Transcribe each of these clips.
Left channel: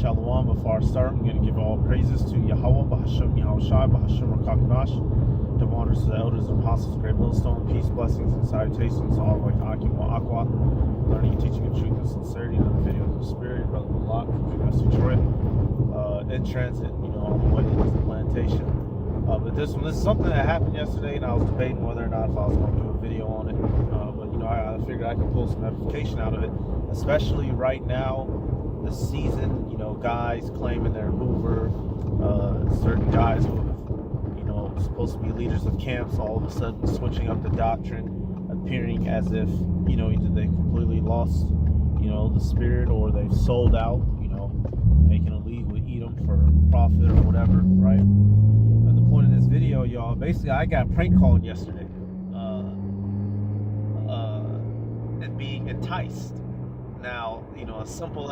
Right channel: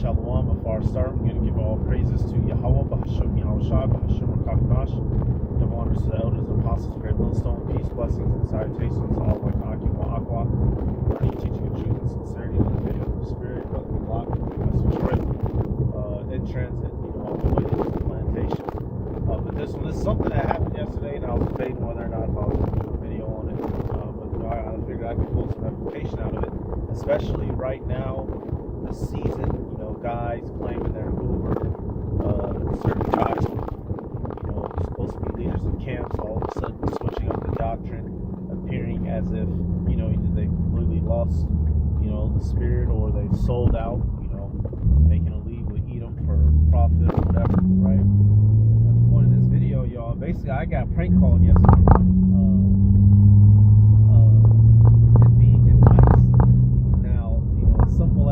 Shalom. Before I start, I'm going to give all praises to Yahweh, Bahashem, Yahushua, Bahashem, Rakakanash. Give honors to the elders and apostles, great millstone, peace, blessings, and salutations. All the way to Akima Aqua, learning, teaching, and truth and sincerity in the videos of the Spirit, Brother Lock, Mr. Detroit, in transit, on the way to the plantation. But this is something that happened yesterday, and I was debating whether or not if I was going to do a video on it. But, I figured I could pull some edification out of it, especially right now. The season, guys claiming they're Hoover, certain guys, supposed to be leaders of camps, all of a sudden switching up the doctrine, appearing as if, either they completely lost, the spirit, or they've sold out, making a league with Edom for profit or whatever, right? And the point of this video, y'all, basically I got prank called yesterday, and being enticed. Now, a simple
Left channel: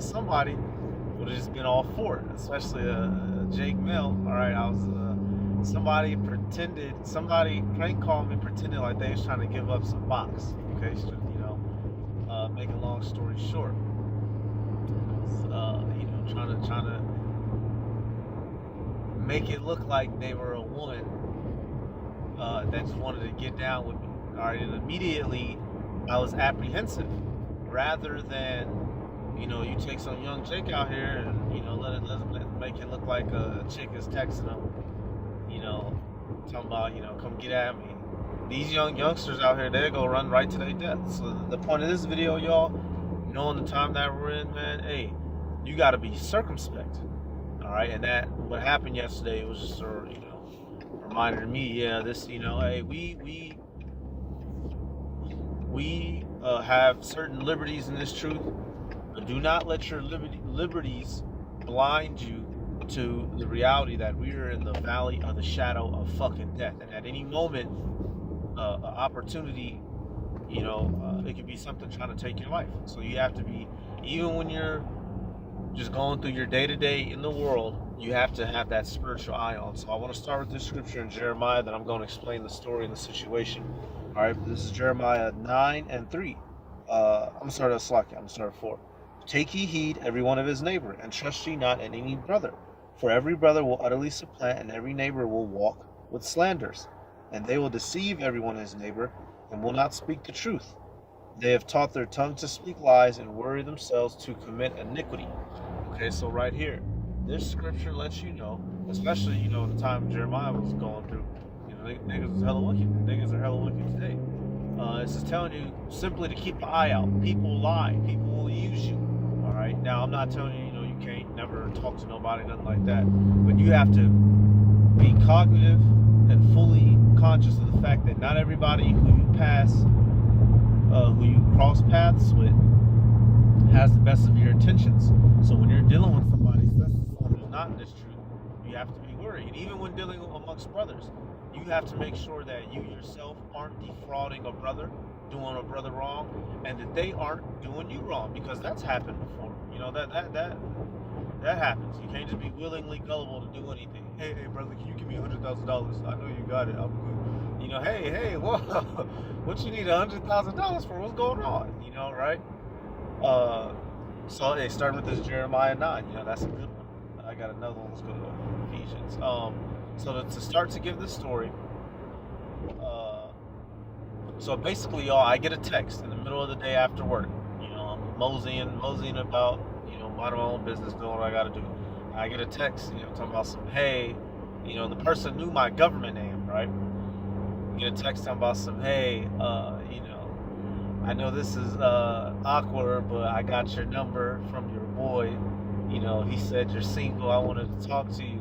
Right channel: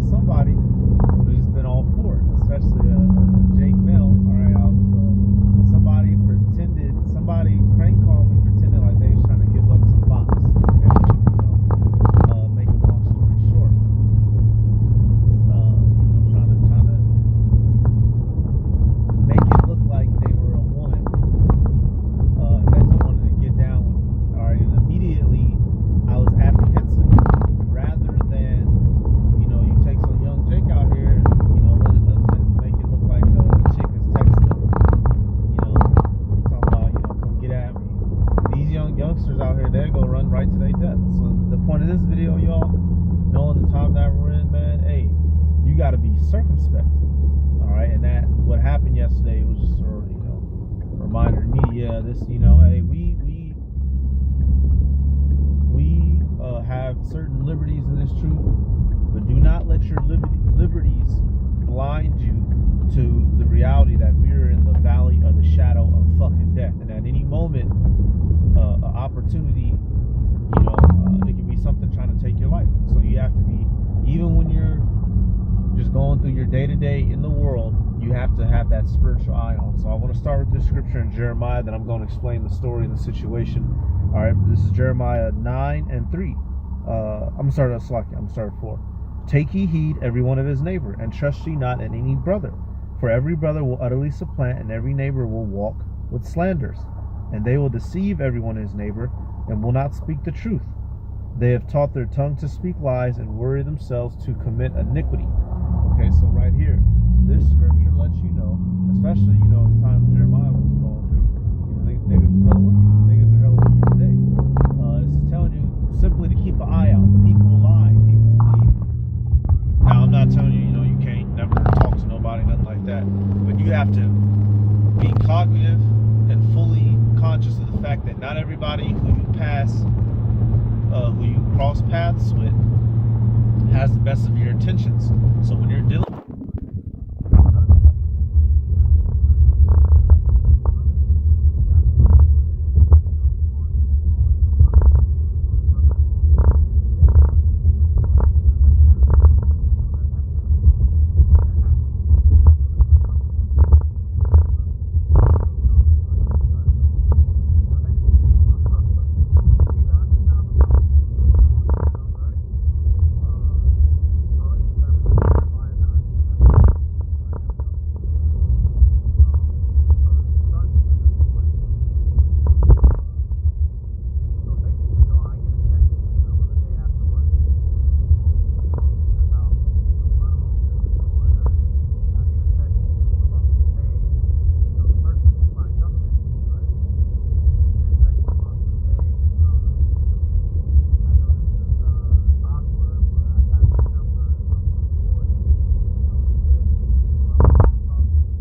somebody would have just been all for it, especially Jake Mill. All right, I was somebody prank called me, pretended like they was trying to give up some box. Okay, make a long story short, trying to make it look like they were a woman that just wanted to get down with me. All right, and immediately I was apprehensive. Rather than, you take some young chick out here and, let it make it look like a chick is texting them, talking about, come get at me. These youngsters out here, they go run right to their death. So the point of this video, y'all, knowing the time that we're in, man, hey, you got to be circumspect. All right, and that what happened yesterday was just a, reminder to me, yeah, this, hey, we have certain liberties in this truth, but do not let your liberties blind you to the reality that we are in the valley of the shadow of fucking death, and at any moment, an opportunity, it could be something trying to take your life. So you have to be, even when you're just going through your day-to-day in the world, you have to have that spiritual eye on. So I want to start with this scripture in Jeremiah, then I'm going to explain the story and the situation. All right, this is Jeremiah 9:3. I'm going to start at 4. Take ye heed every one of his neighbor, and trust ye not in any brother. For every brother will utterly supplant, and every neighbor will walk with slanders. And they will deceive every one his neighbor, and will not speak the truth. They have taught their tongue to speak lies, and worry themselves to commit iniquity. Okay, so right here, this scripture lets you know, especially, the time Jeremiah was going through, niggas was hella wicked. Niggas are hella wicked today. This is telling you simply to keep an eye out. People lie. People will use you. All right. Now, I'm not telling you, you can't never talk to nobody, nothing like that. But you have to be cognitive and fully conscious of the fact that not everybody who you cross paths with has the best of your intentions. So when you're dealing with somebody that's not in this truth, you have to be worried. And even when dealing amongst brothers, you have to make sure that you yourself aren't defrauding a brother, doing a brother wrong, and that they aren't doing you wrong, because that's happened before. That happens. You can't just be willingly gullible to do anything. Hey, brother, can you give me $100,000? I know you got it. I'm good. Hey, whoa, what you need $100,000 for? What's going on? Right? So hey, starting with this Jeremiah 9. That's a good one. I got another one. Let's go to Ephesians. So to start to give this story. So basically, y'all, I get a text in the middle of the day after work. I'm moseying about, minding my own business, doing what I gotta do. I get a text, talking about some, hey, the person knew my government name, right? Get a text talking about some, hey, I know this is awkward, but I got your number from your boy. He said you're single. I wanted to talk to you.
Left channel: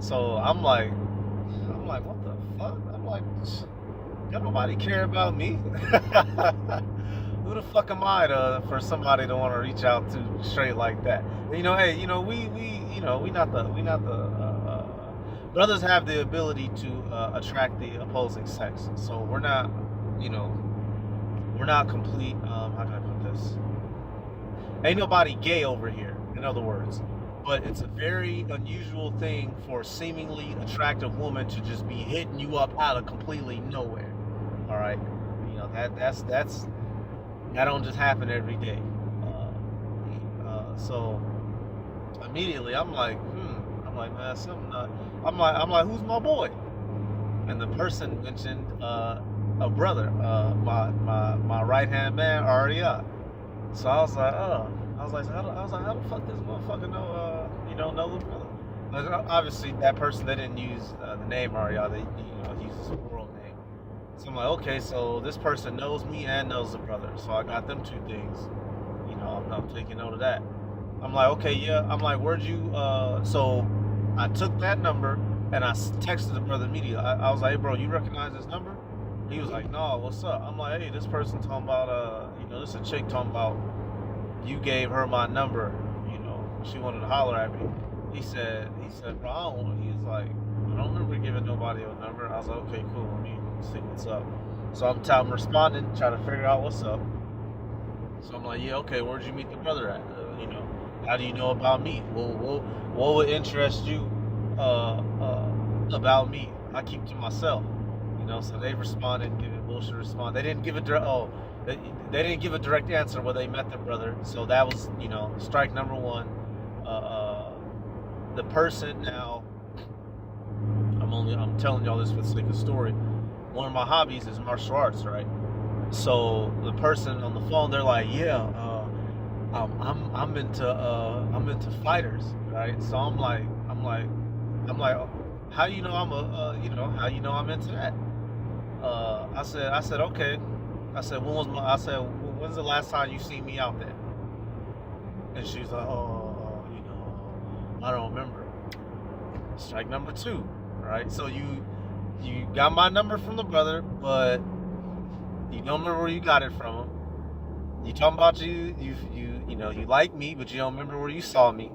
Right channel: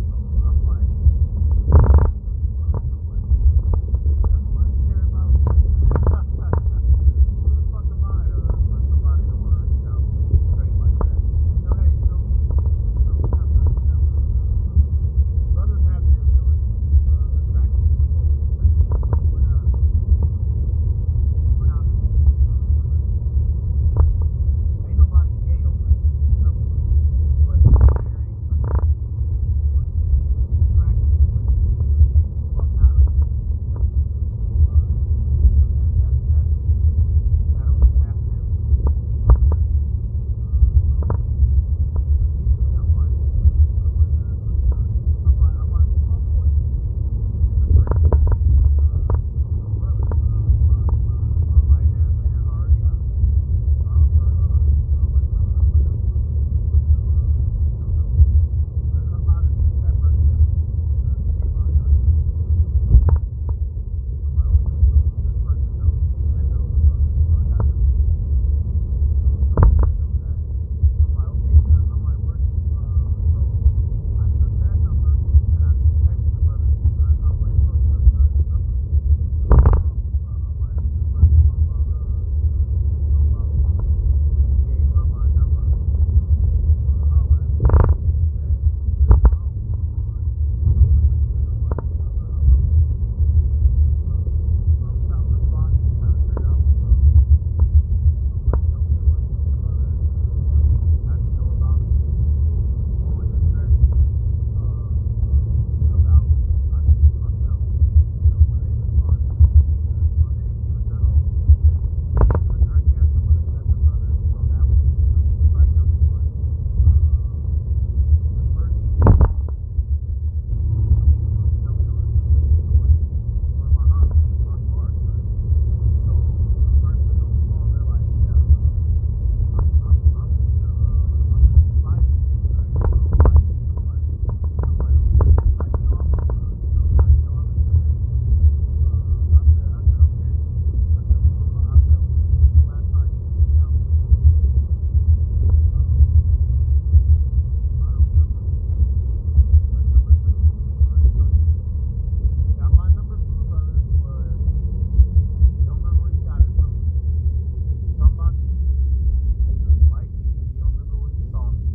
So I'm like, what the fuck? I'm like, got nobody care about me? Who the fuck am I for somebody to want to reach out to straight like that? Hey, we not the brothers have the ability to attract the opposing sex. So we're not, we're not complete. How can I put this? Ain't nobody gay over here, in other words. But it's a very unusual thing for a seemingly attractive woman to just be hitting you up out of completely nowhere. All right, that don't just happen every day. So immediately I'm like, I'm like, man, something not. I'm like, who's my boy? And the person mentioned a brother, my right hand man, Aria. So I was like, how the fuck this motherfucker know, know the brother? Like, obviously, that person, they didn't use the name Aria. They used his world name. So I'm like, okay, so this person knows me and knows the brother. So I got them two things. I'm taking note of that. I'm like, okay, yeah. I'm like, where'd you? So I took that number and I texted the brother immediately. I was like, hey, bro, you recognize this number? He was like, no, what's up? I'm like, hey, this person talking about, this a chick talking about you gave her my number. She wanted to holler at me. He said, bro, I don't. He's like, I don't remember giving nobody a number. I was like, okay, cool. Let me see what's up. So I'm responding, trying to figure out what's up. So I'm like, yeah, okay, where'd you meet the brother at? How do you know about me? What would interest you about me? I keep to myself. So they responded, giving bullshit response. They didn't give a they didn't give a direct answer where they met the brother. So that was, strike number one. The person now, I'm telling y'all this for the sake of story. One of my hobbies is martial arts, right? So the person on the phone, they're like, yeah, I'm into fighters, right? So I'm like, how you know I'm into that? I said, okay. I said, when's the last time you seen me out there? And she's like, I don't remember. Strike number two, right? So you got my number from the brother, but you don't remember where you got it from him. You talking about you like me, but you don't remember where you saw me.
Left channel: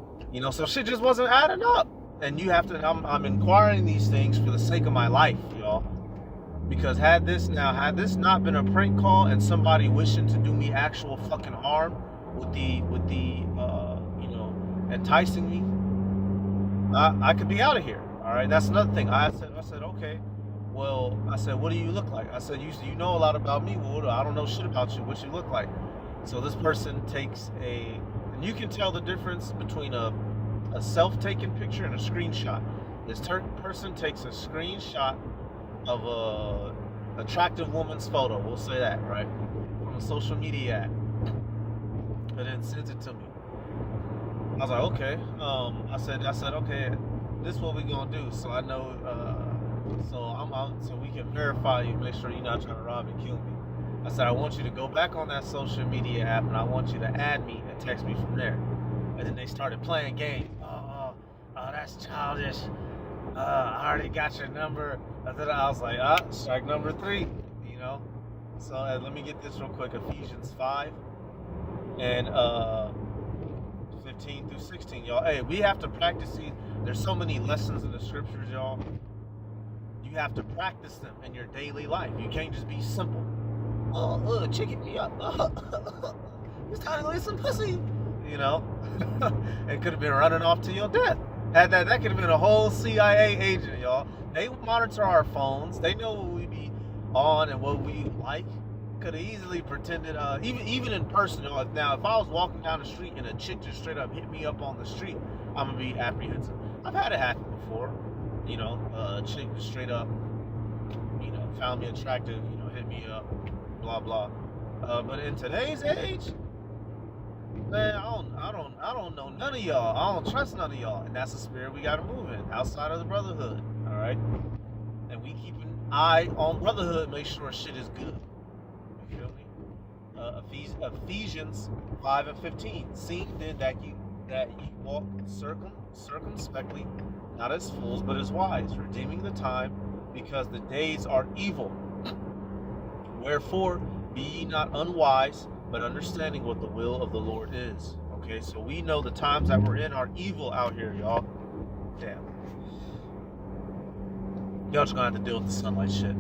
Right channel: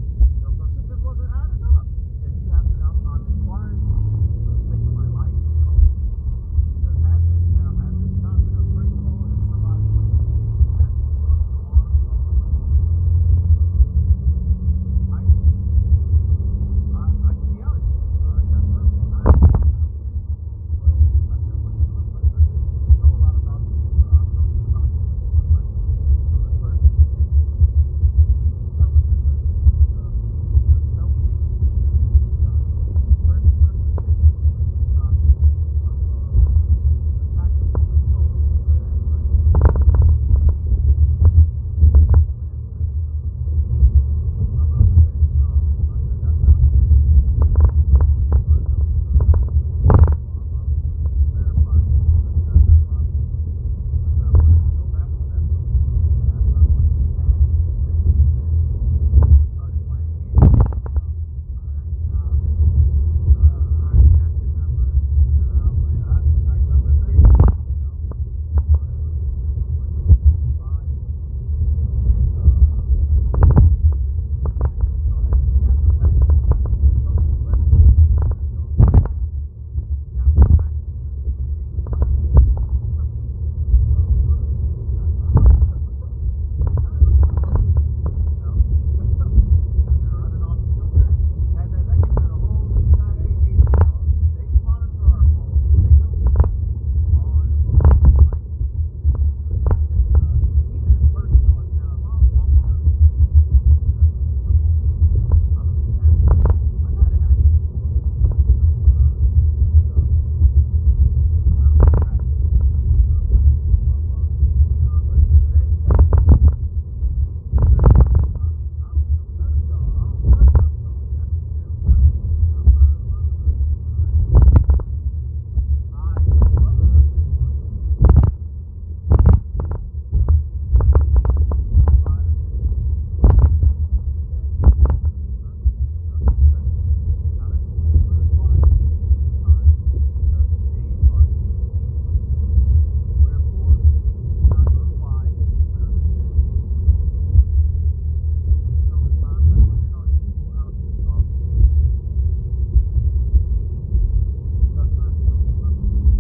So shit just wasn't adding up. And you have to. I'm inquiring these things for the sake of my life, y'all. Because had this not been a prank call and somebody wishing to do me actual fucking harm with the enticing me, I could be out of here. All right, that's another thing. I said, okay. Well, I said, what do you look like? I said, you know a lot about me. Well, I don't know shit about you. What you look like? So this person takes and you can tell the difference between a self-taken picture and a screenshot. This person takes a screenshot of a attractive woman's photo. We'll say that, right? From a social media app. And then sends it to me. I was like, okay. I said, okay, this is what we gonna do. So I know, so we can verify you, make sure you're not trying to rob and kill me. I said, I want you to go back on that social media app and I want you to add me and text me from there. And then they started playing games. Oh, that's childish. I already got your number. I was like, strike number three. So let me get this real quick. Ephesians 5 and 15 through 16, y'all. Hey, we have to practice these. There's so many lessons in the scriptures, y'all. You have to practice them in your daily life. You can't just be simple. Chicken me up. It's time to lay some pussy. It could have been running off to your death. That could have been a whole CIA agent, y'all. They monitor our phones. They know what we be on and what we like. Could have easily pretended, even in person. Now, if I was walking down the street and a chick just straight up hit me up on the street, I'm gonna be apprehensive. I've had it happen before. A chick just straight up, found me attractive, hit me up, blah blah. But in today's age, man, I don't know none of y'all. I don't trust none of y'all, and that's the spirit we gotta move in outside of the brotherhood. All right, and we keep an eye on brotherhood, make sure shit is good. Ephesians 5 and 15. Seeing then that you walk circumspectly, not as fools but as wise, redeeming the time, because the days are evil. Wherefore be ye not unwise, but understanding what the will of the Lord is. Okay, so we know the times that we're in are evil out here, y'all. Damn. Y'all just gonna have to deal with the sunlight shit.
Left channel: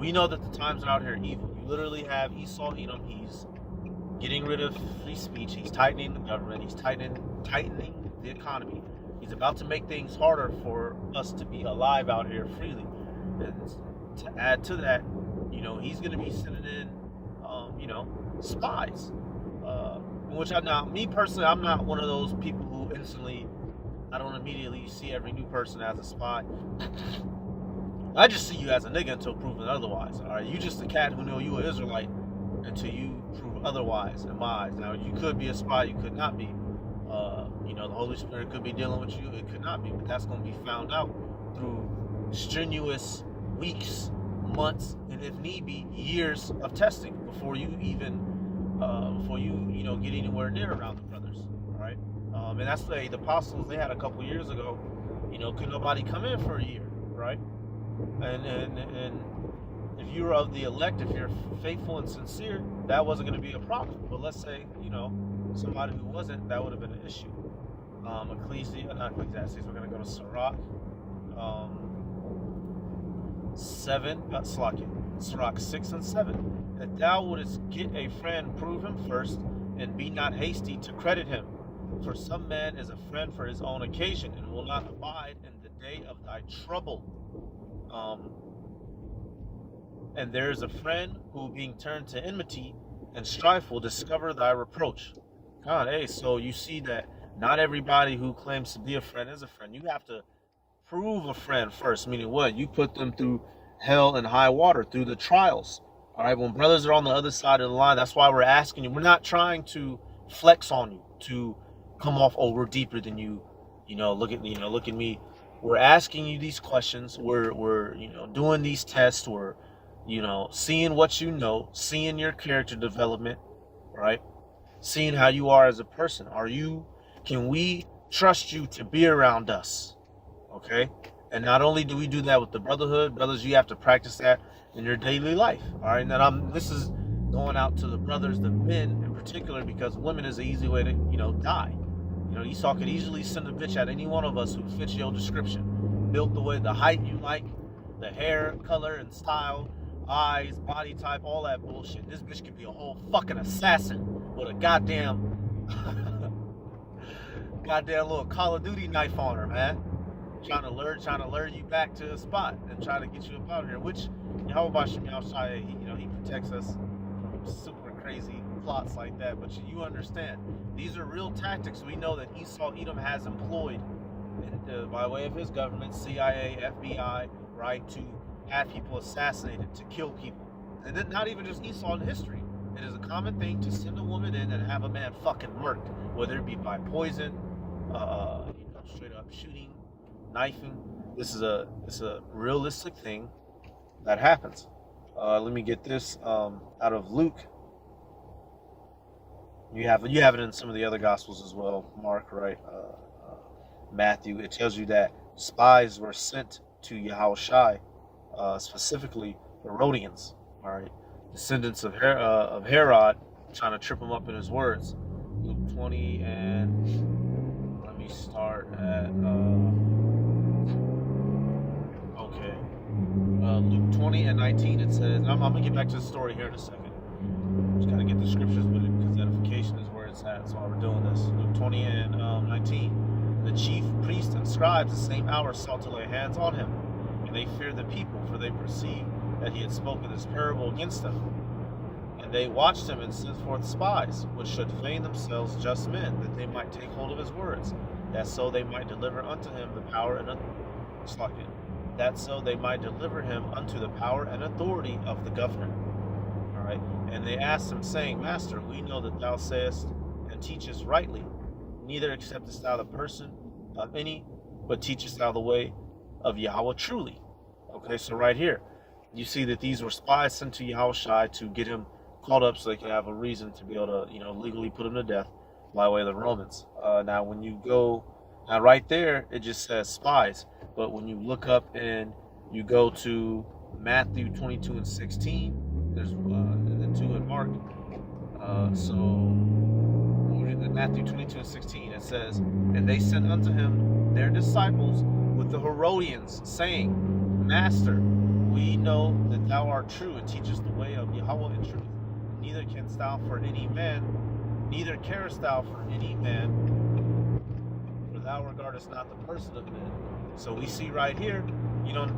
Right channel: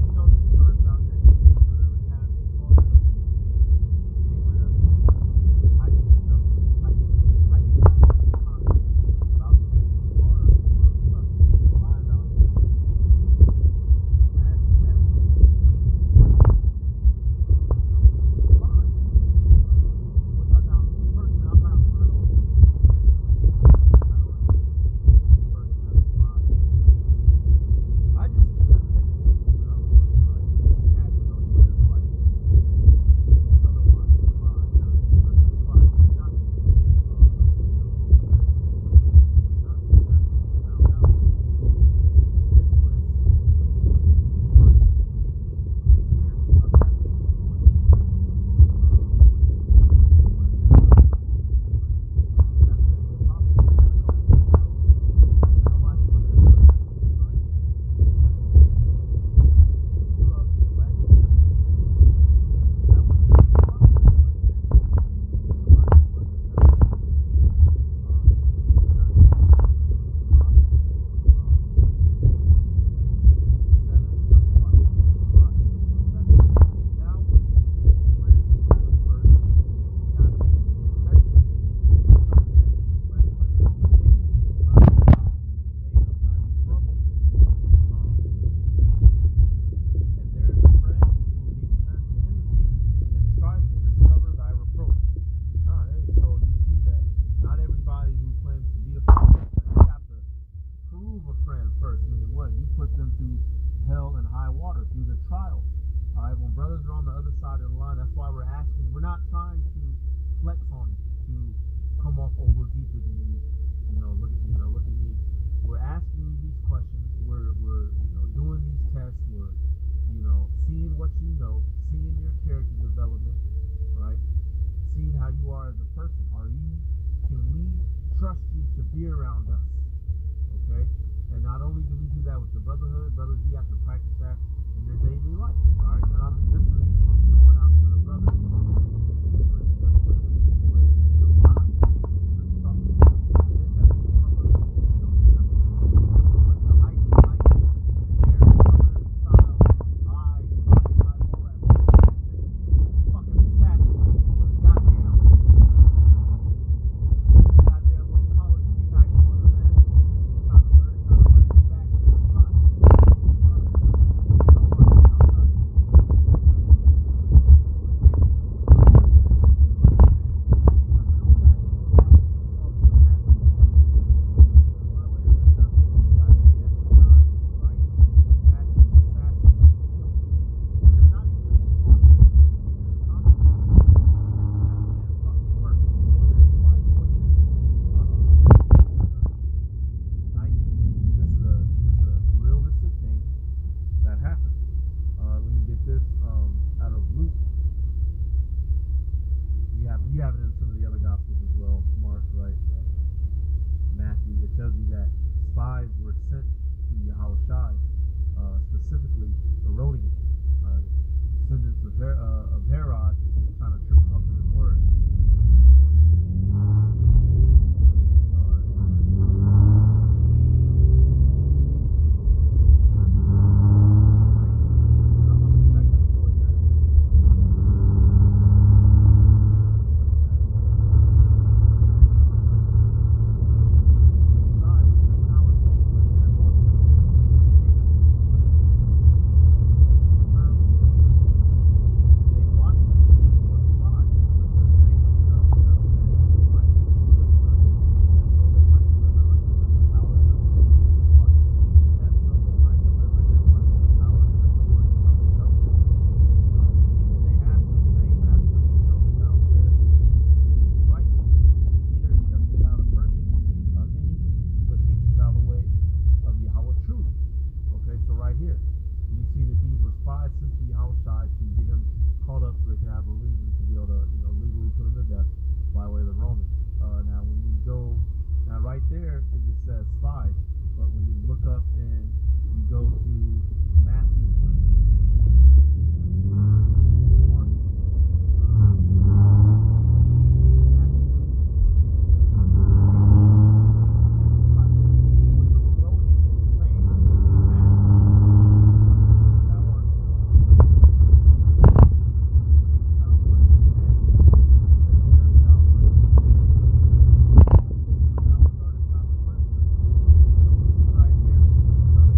We know that the times out here are evil. You literally have Esau, he's getting rid of free speech. He's tightening the government. He's tightening the economy. He's about to make things harder for us to be alive out here freely. And to add to that, he's going to be sending in, spies. Me personally, I'm not one of those people who instantly person as a spy. I just see you as a nigga until proven otherwise. All right, you just a cat who know you an Israelite until you prove otherwise in my eyes. Now, you could be a spy, you could not be. The Holy Spirit could be dealing with you, it could not be, but that's going to be found out through strenuous weeks, months, and if need be, years of testing before you even, get anywhere near around the brothers. All right, and that's the apostles they had a couple years ago. Could nobody come in for a year, right? And if you're of the elect, if you're faithful and sincere, that wasn't going to be a problem. But let's say, somebody who wasn't, that would have been an issue. Not Ecclesiastes, we're going to go to Sirach 6 and 7. That thou wouldest get a friend, prove him first, and be not hasty to credit him. For some man is a friend for his own occasion, and will not abide in the day of thy trouble. And there is a friend who, being turned to enmity and strife, will discover thy reproach. God, so you see that not everybody who claims to be a friend is a friend. You have to prove a friend first, meaning what? You put them through hell and high water, through the trials. All right, when brothers are on the other side of the line, that's why we're asking you. We're not trying to flex on you, to come off, we're deeper than you. Look at me. We're asking you these questions. We're doing these tests. We're seeing what you know, seeing your character development, right? Seeing how you are as a person. Can we trust you to be around us? Okay? And not only do we do that with the brotherhood, brothers, you have to practice that in your daily life. All right? And this is going out to the brothers, the men in particular, because women is an easy way to, die. Esau could easily send a bitch at any one of us who fits your description. Built the way, the height you like, the hair, color, and style, eyes, body type, all that bullshit. This bitch could be a whole fucking assassin with a goddamn little Call of Duty knife on her, man. Trying to lure you back to the spot and trying to get you up out of here. Which, how about Shai? He protects us from super crazy plots like that. But you understand, these are real tactics we know that Edom has employed by way of his government, CIA, FBI, right, to have people assassinated, to kill people. And then not even just Esau in history. It is a common thing to send a woman in and have a man fucking murked, whether it be by poison, straight up shooting, knifing. This is a realistic thing that happens. Let me get this out of Luke. You have it in some of the other gospels as well, Mark, right? Matthew. It tells you that spies were sent to Yahushua, specifically Herodians, all right, descendants of Herod, trying to trip him up in his words. Luke 20 and let me start at Luke 20 and 19. It says, I'm gonna get back to the story here in a second. Just gotta get the scriptures with it because edification is where it's at. That's why we're doing this. Luke 20 and 19. The chief priests and scribes the same hour sought to lay hands on him, and they feared the people, for they perceived that he had spoken this parable against them. And they watched him and sent forth spies, which should feign themselves just men, that they might take hold of his words, that so they might deliver unto him the power and authority of the governor. All right. And they asked him, saying, Master, we know that thou sayest and teachest rightly, neither acceptest thou the person of any, but teachest thou the way of Yahweh truly. Okay, so right here, you see that these were spies sent to Yahushua to get him called up so they could have a reason to be able to, legally put him to death by way of the Romans. Now, when you go, right there, it just says spies. But when you look up and you go to Matthew 22 and 16, there's and then 2 in Mark. So in Matthew 22 and 16, it says, and they sent unto him their disciples with the Herodians, saying, Master, we know that thou art true and teachest the way of Yahweh in truth. Neither canst thou for any man, neither carest thou for any man, for thou regardest not the person of men. So we see right here,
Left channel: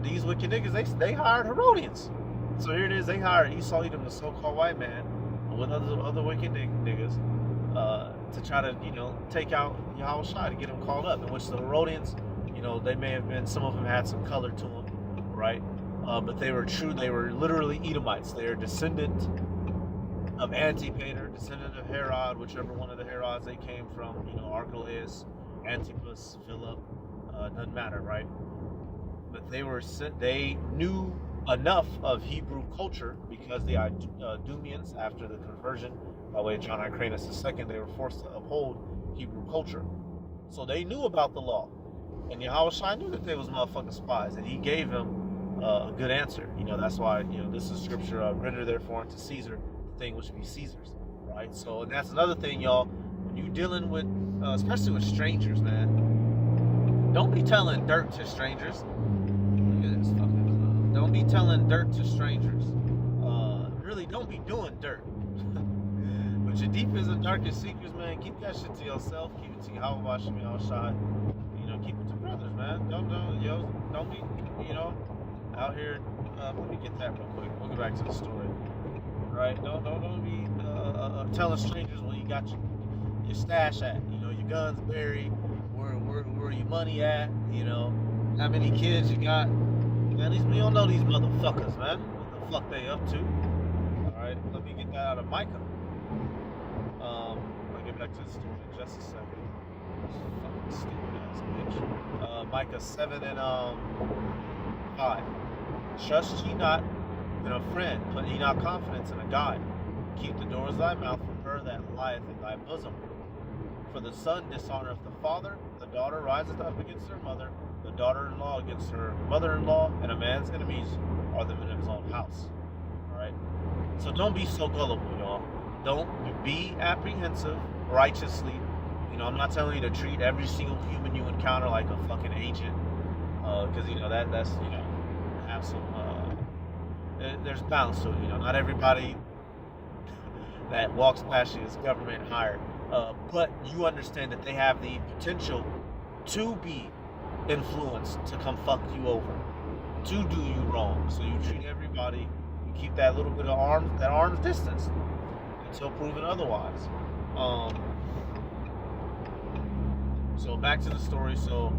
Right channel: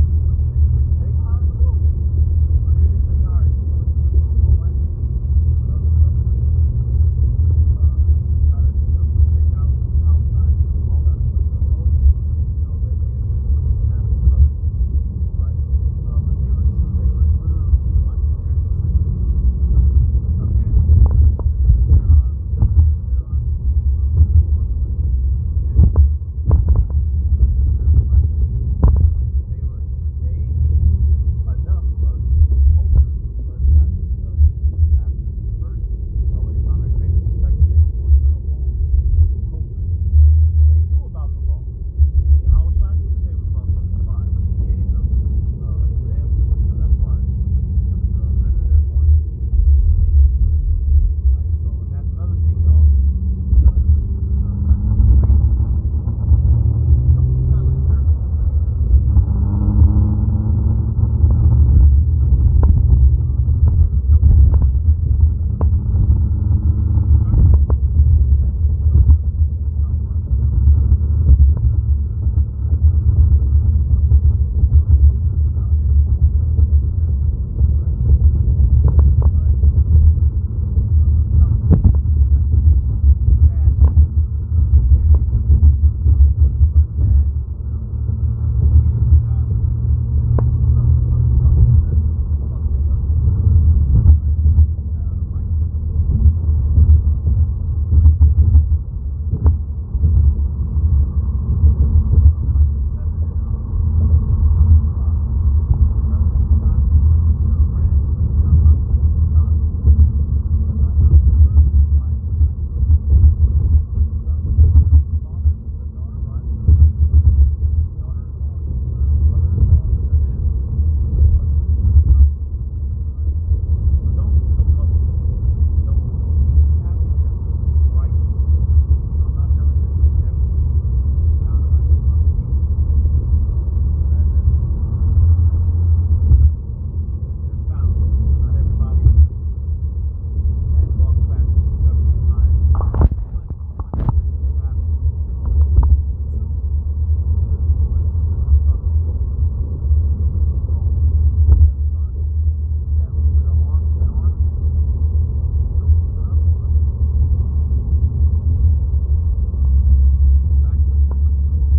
these wicked niggas, they hired Herodians. So here it is, they hired Esau, Edom, the so-called white man, with other wicked niggas, to try to, take out Yahushua, to get him called up, in which the Herodians, they may have been, some of them had some color to them, right? But they were literally Edomites. They are descendant of Antipater, descendant of Herod, whichever one of the Herods they came from, Archelaus, Antipas, Philip, doesn't matter, right? But they knew enough of Hebrew culture because the Idumeans, after the conversion by way of John Hyrcanus II, they were forced to uphold Hebrew culture. So they knew about the law. And Yahushua knew that they was motherfucking spies, and he gave them a good answer. That's why, this is scripture, render therefore unto Caesar the thing which be Caesar's, right? So, and that's another thing, y'all, when you dealing with, especially with strangers, man, don't be telling dirt to strangers. Don't be telling dirt to strangers. Really, don't be doing dirt. But your deepest and darkest secrets, man, keep that shit to yourself. Keep it to Yahweh Shem Yahushua. Keep it to brothers, man. Don't be, out here. Let me get that real quick. We'll get back to the story. Right? Don't be telling strangers where you got your stash at. Your guns buried. Where your money at? How many kids you got? Man, at least we don't know these motherfuckers, man. What the fuck they up to? All right, let me get that out of Micah. I'll get back to the story in just a second. Fucking stupid ass bitch. Micah 7 and 5. Trust ye not in a friend, put ye not confidence in a guide. Keep the doors of thy mouth from her that lieth in thy bosom. For the son dishonoreth the father, the daughter riseth up against her mother, the daughter-in-law against her mother-in-law, and a man's enemies are the men of his own house. Alright? So don't be so gullible, y'all. Don't be apprehensive righteously. I'm not telling you to treat every single human you encounter like a fucking agent. Because, that's, have some, there's balance to it. Not everybody that walks past you is government hired. But you understand that they have the potential to be influenced to come fuck you over, to do you wrong. So you treat everybody, you keep that little bit of arm's distance until proven otherwise. So back to the story. So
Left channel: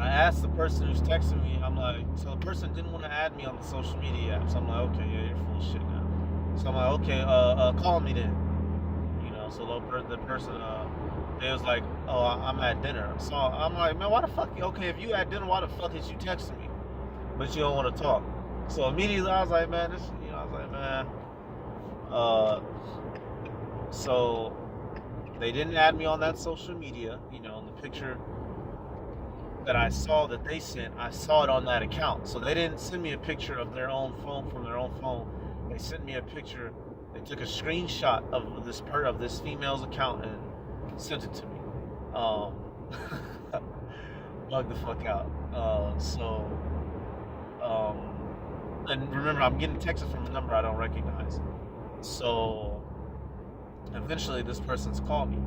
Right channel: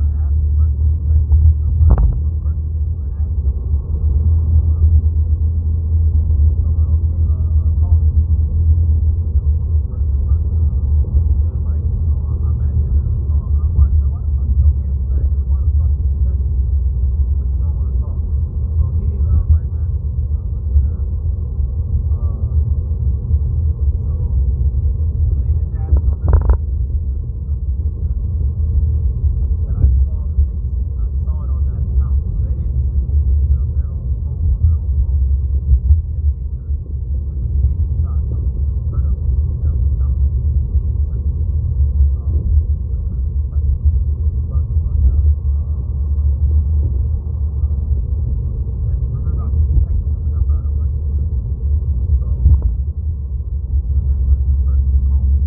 I asked the person who's texting me, I'm like, so the person didn't want to add me on the social media app. So I'm like, okay, yeah, you're full of shit now. So I'm like, okay, call me then. So the person, they was like, oh, I'm at dinner. So I'm like, man, why the fuck? Okay, if you at dinner, why the fuck is you texting me? But you don't want to talk. So immediately I was like, man, so they didn't add me on that social media. The picture that I saw that they sent, I saw it on that account. So they didn't send me a picture of their own phone from their own phone. They sent me a picture. They took a screenshot of this female's account and sent it to me. Bug the fuck out. And remember, I'm getting texts from a number I don't recognize. So eventually this person's called me,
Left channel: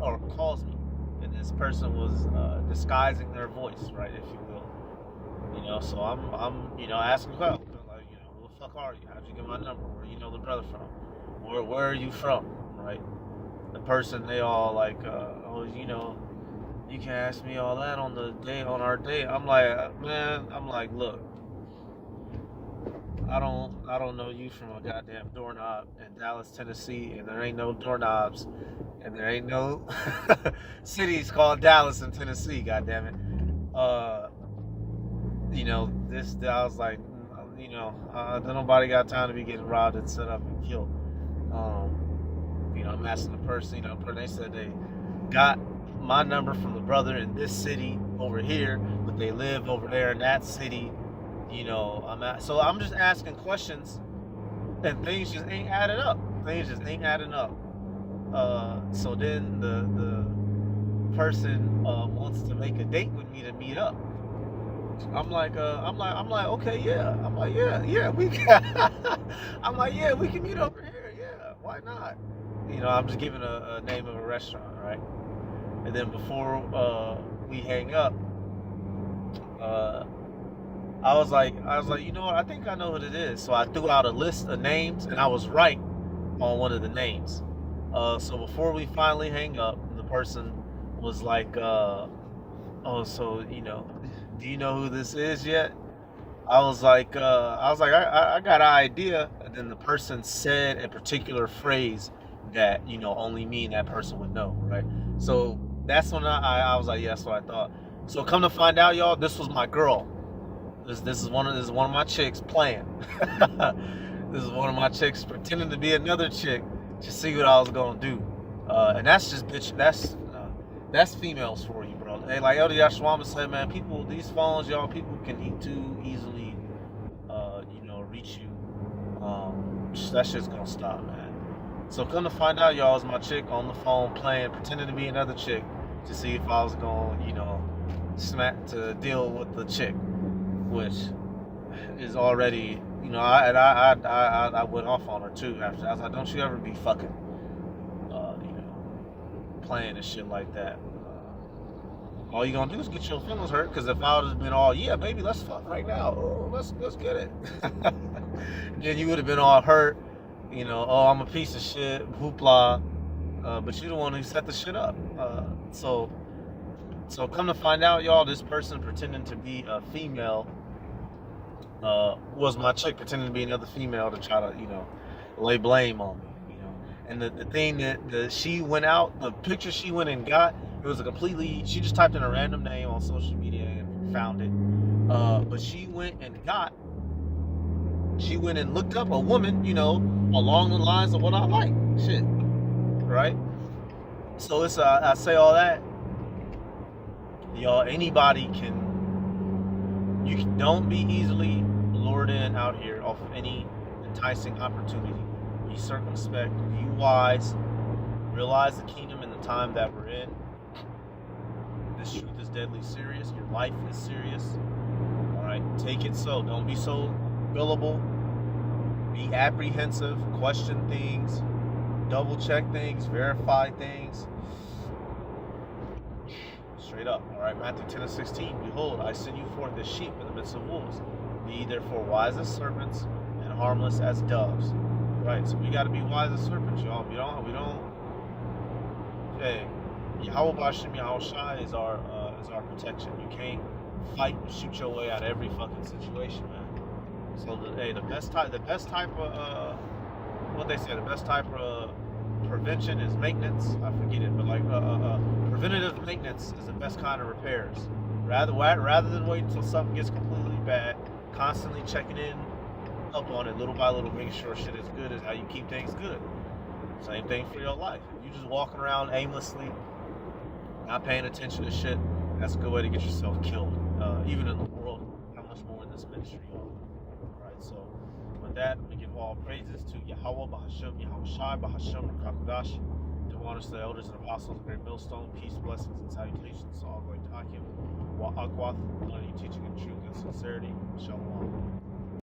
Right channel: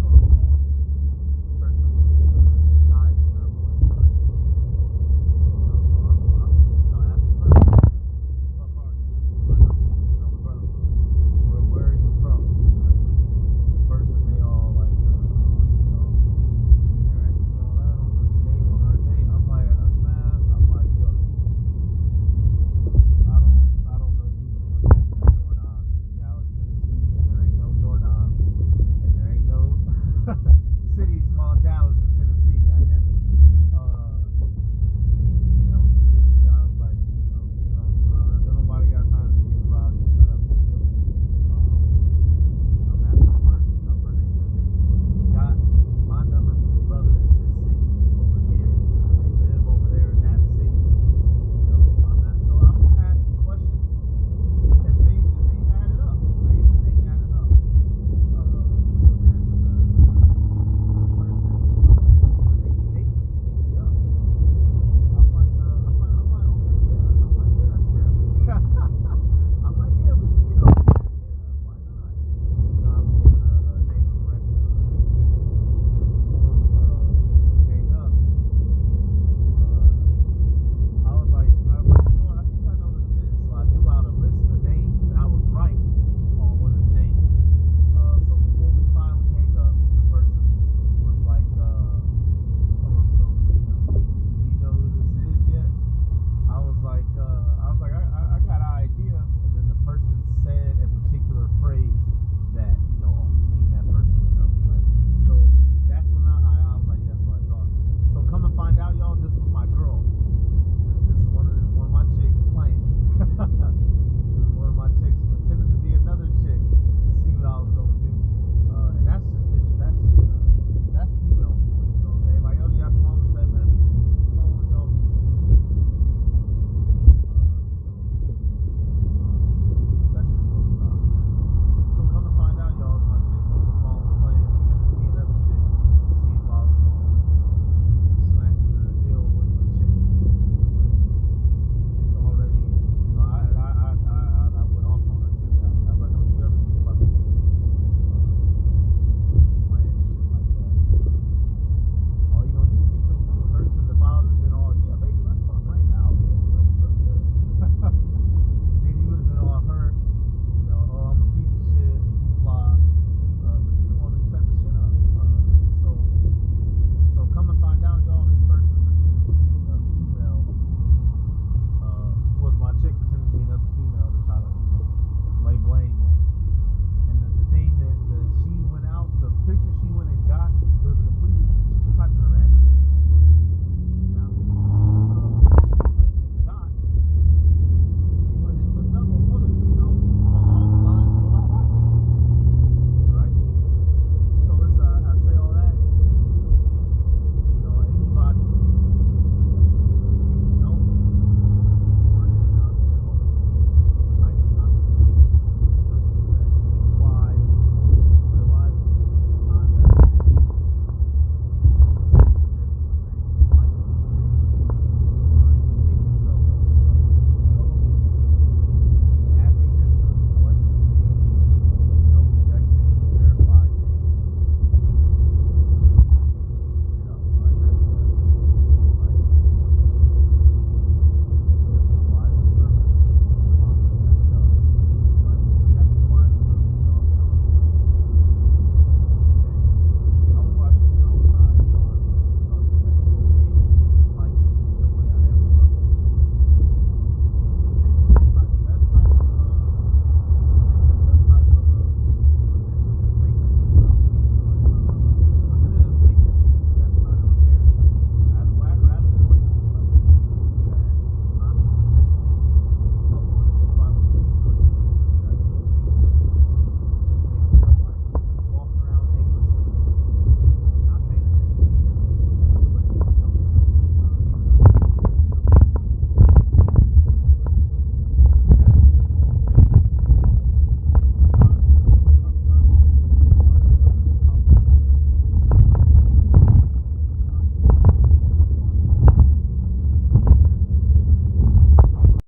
or calls me, and this person was disguising their voice, right, if you will. So I'm asking questions like, who the fuck are you? How'd you get my number? Where you know the brother from? Where are you from? Right? The person, they all like, you can ask me all that on our date. I'm like, man, look, I don't know you from a goddamn doorknob in Dallas, Tennessee, and there ain't no doorknobs, and there ain't no cities called Dallas and Tennessee, goddammit. I was like, nobody got time to be getting robbed and set up and killed. I'm asking the person, they said they got my number from the brother in this city over here, but they live over there in that city. So I'm just asking questions, and things just ain't adding up. So then the person wants to make a date with me to meet up. I'm like, okay, yeah. We can meet over here. Yeah, why not? I'm just giving a name of a restaurant, right? And then before we hang up, I was like, you know what? I think I know what it is. So I threw out a list of names, and I was right on one of the names. So before we finally hang up, the person was like, oh, so do you know who this is yet? I was like, I got an idea. And then the person said a particular phrase that, only me and that person would know, right? So that's when I was like, yeah, that's what I thought. So come to find out, y'all, this was my girl. This is one of my chicks playing. This is one of my chicks pretending to be another chick to see what I was gonna do. And that's just bitch. That's females for you, bro. Hey, like Elder Yashwama said, man, these phones, y'all, people can too easily, reach you. That shit's gonna stop, man. So come to find out, y'all, is my chick on the phone playing, pretending to be another chick to see if I was going, to deal with the chick, which is already, I went off on her too after. I was like, don't you ever be fucking, playing and shit like that. All you gonna do is get your feelings hurt. Because if I would have been all, yeah, baby, let's fuck right now. Oh, let's get it. Then you would have been all hurt. Oh, I'm a piece of shit, hoopla. But you the one who set the shit up. So come to find out, y'all, this person pretending to be a female was my chick pretending to be another female to try to, lay blame on me. And the thing that she went out, the picture she went and got, it was she just typed in a random name on social media and found it. But she went and looked up a woman, along the lines of what I like. Shit. Right? So it's, I say all that. Y'all, anybody don't be easily lured in out here off of any enticing opportunity. Be circumspect, be wise, realize the kingdom and the time that we're in. This truth is deadly serious. Your life is serious. Alright, take it so. Don't be so gullible. Be apprehensive, question things, double check things, verify things. Straight up. Alright, Matthew 10:16. Behold, I send you forth as sheep in the midst of wolves. Be therefore wise as serpents and harmless as doves. Right, so we gotta be wise as serpents, y'all. We don't hey, Yahweh Bashim Yahushai is our protection. You can't fight and shoot your way out of every fucking situation, man. So the best type of what they say, the best type of prevention is maintenance. I forget it, but like preventative maintenance is the best kind of repairs. Rather than wait until something gets completely bad, constantly checking in up on it little by little, making sure shit is good is how you keep things good. Same thing for your life. If you're just walking around aimlessly, not paying attention to shit, that's a good way to get yourself